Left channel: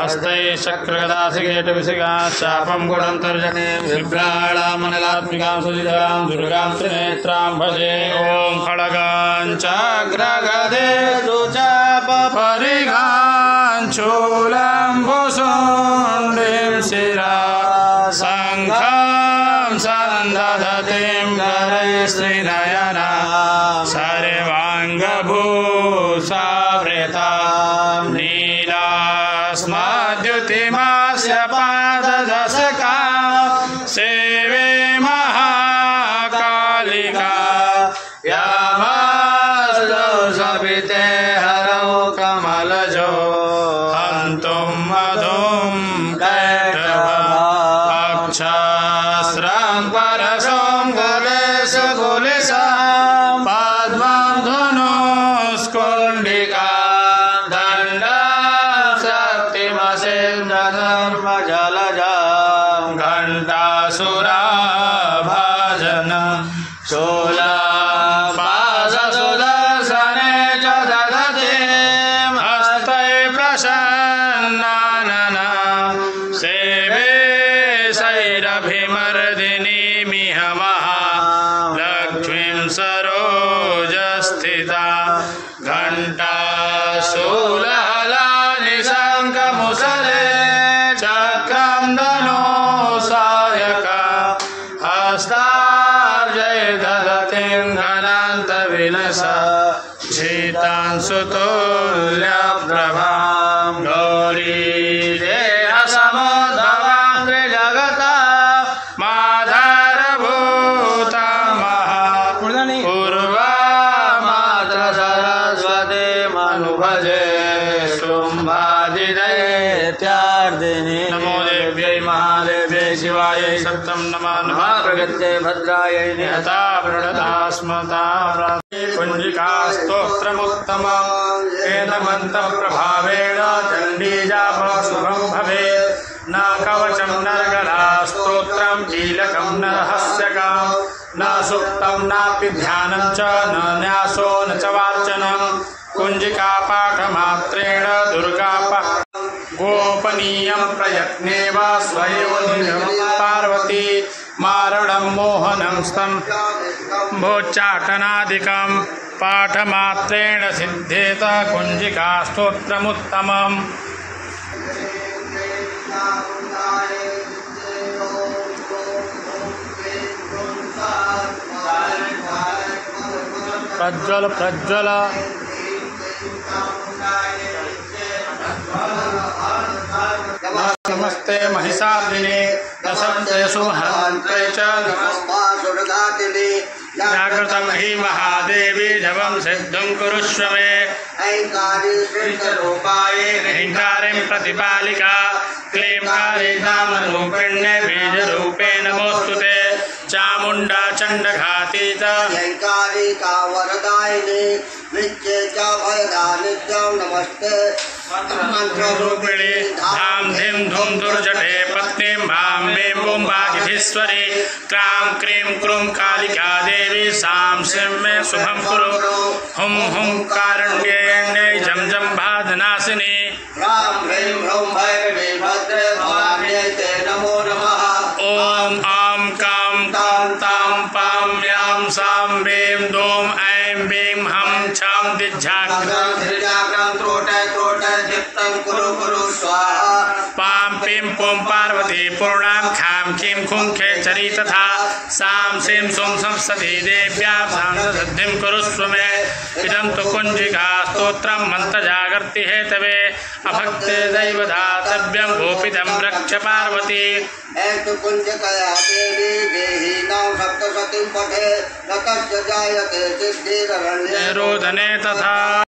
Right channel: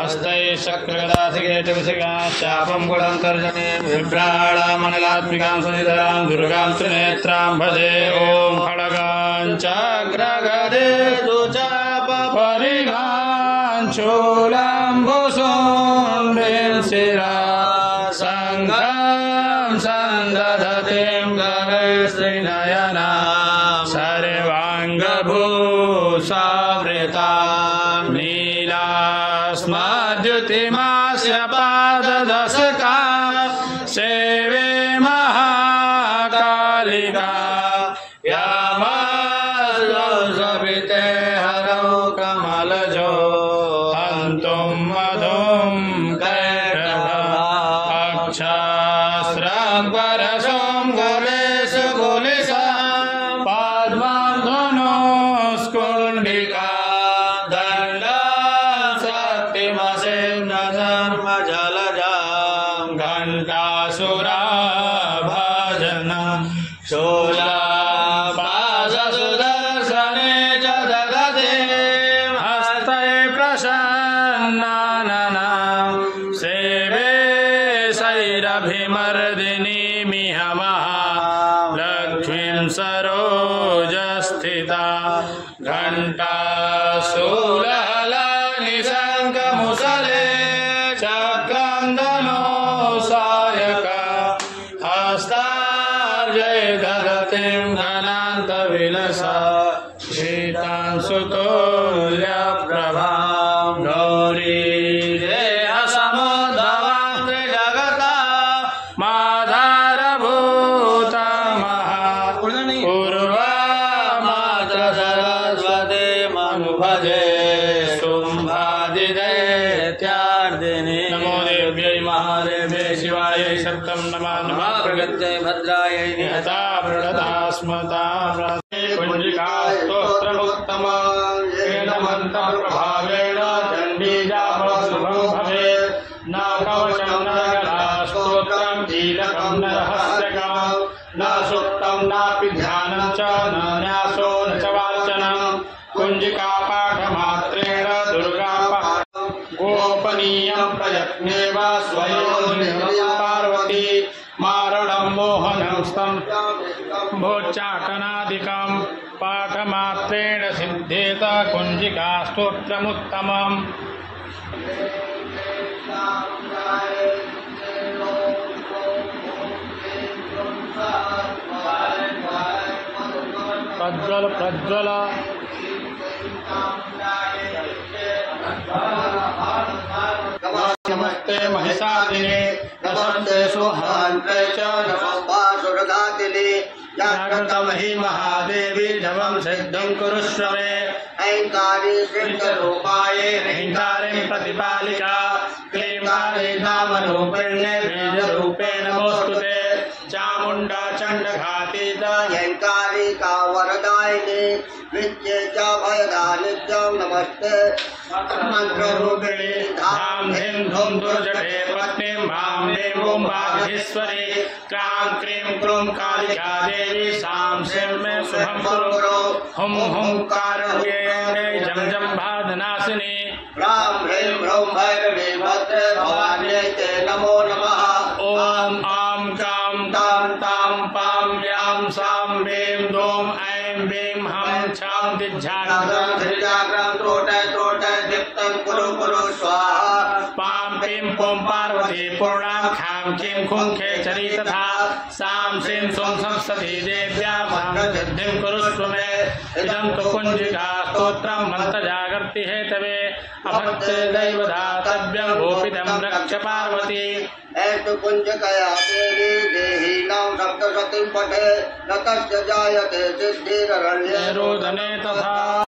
हस्तैः शक्रगदासिकेतविसिकां चापं गुणं तर्जने बिभ्राणामनलात्मिकां सुधिधरां दुर्गां त्रिनेत्रां भजे ॐ खड्गां चक्रगदे परिगां चूलम्बुसुन्दरीं शिरा शङ्खं सन्दधतीं करैस्त्रिनयना सर्वाङ्गभूषावृतां नीलास्मद्युतिमास्य पाददशकां सेवे महाकालिका यामस्तु सविते हरौ कमलजो हन्तुं मधुं कैटभाक्षास्रं परशुं गदेशकुलिशां पद्मं धनुष्कुण्डिका दण्डां शक्तिमसिन्धर्मजलजां घण्टासुराभाजनं शूलपाशसुदर्शने च दधतीं हस्तैः प्रसन्नाननं सेवे शैरभिमर्दिनीमिह महालक्ष्मीं सरोजस्थिता घण्टाशूलहलानि शङ्खमुसले चक्रं धनुषायका हस्ताब्जैर्धरतीं घनान्तविलसा शीतांशुतुल्यप्रभां गौरीदेहसमुद्भवां त्रिजगता माधारभूता महापूर्वा मात्र सरस्वतीमनुभजे शुम्भादिदैत्यार्दिनि नमो देव्यै महादेव्यै शिवायै सत्यं नमः नमः प्रगत्यै भद्रायै निहता प्रददास्मतां कुञ्जिकास्तोत्रमुत्तमं तेन मन्त्रप्रभावेण चण्डीजाप शुभं भवेत् न कवचं न गलास्तोत्रं कीलकं न रहस्यकं न सुक्तं नापि ध्यानं च न न्यासो न च वार्चनं कुञ्जिकापाठमात्रेण दुर्गापाठ गोपनीयं प्रयत्नेव स्वयोनिं पार्वती मारणं मोहनं स्तम्भोच्चाटनादिकं पाठमात्रेण सिद्धेत कुञ्जिकास्तोत्रमुत्तमम् प्रज्वल प्रज्वल नमस्ते महिषार्दिने नमस्ते सुहन्त्रे च जागृतं हि महादेवी जपं सिद्धं कुरुष्व मे ऐङ्कारीरूपाये ऐङ्कारीं प्रतिपालिका क्लींकारे नामरूपिण्ये बीजरूपे नमोऽस्तुते चामुण्डा चण्डघाती च ऐङ्कारिका वरदायिनी नित्ये च भयदा नित्यं नमस्ते मंत्ररूपिणी धाम धीम धूम दुर्जटे पत्नीं भां भीं बूं वागीश्वरी क्रां क्रीं क्रूं कालिका देवी सां शिं मे शुभं कुरु हुं हुं कारुण्ये जं जं भादनाशिनी ह्रां ह्रीं ह्रौं भैरवी भद्रे भवान्यै ते नमो नमः ॐ आं कां तां तां पां यां सां बीं दूं ऐं बीं हं छं दिझ्झाग्रं धृजाग्रं त्रोटय त्रोटय दीप्तं कुरु कुरु स्वाहा पां पीं पुं पार्वती पूर्णां खां खीं खुं खेचरी तथा सां शिं सुं संसति देव्यां सां कुरुष्व मे इदं तु कुञ्जिका स्तोत्रं मन्त्रजागर्ति हेतवे अभक्ते दैव दातव्यं भूपितं रक्ष पार्वती ऐतु कुञ्जकया देवी देहि नौ सप्तशतीं पठे न तस्य जायते सिद्धिररण्ये रोदने तथा।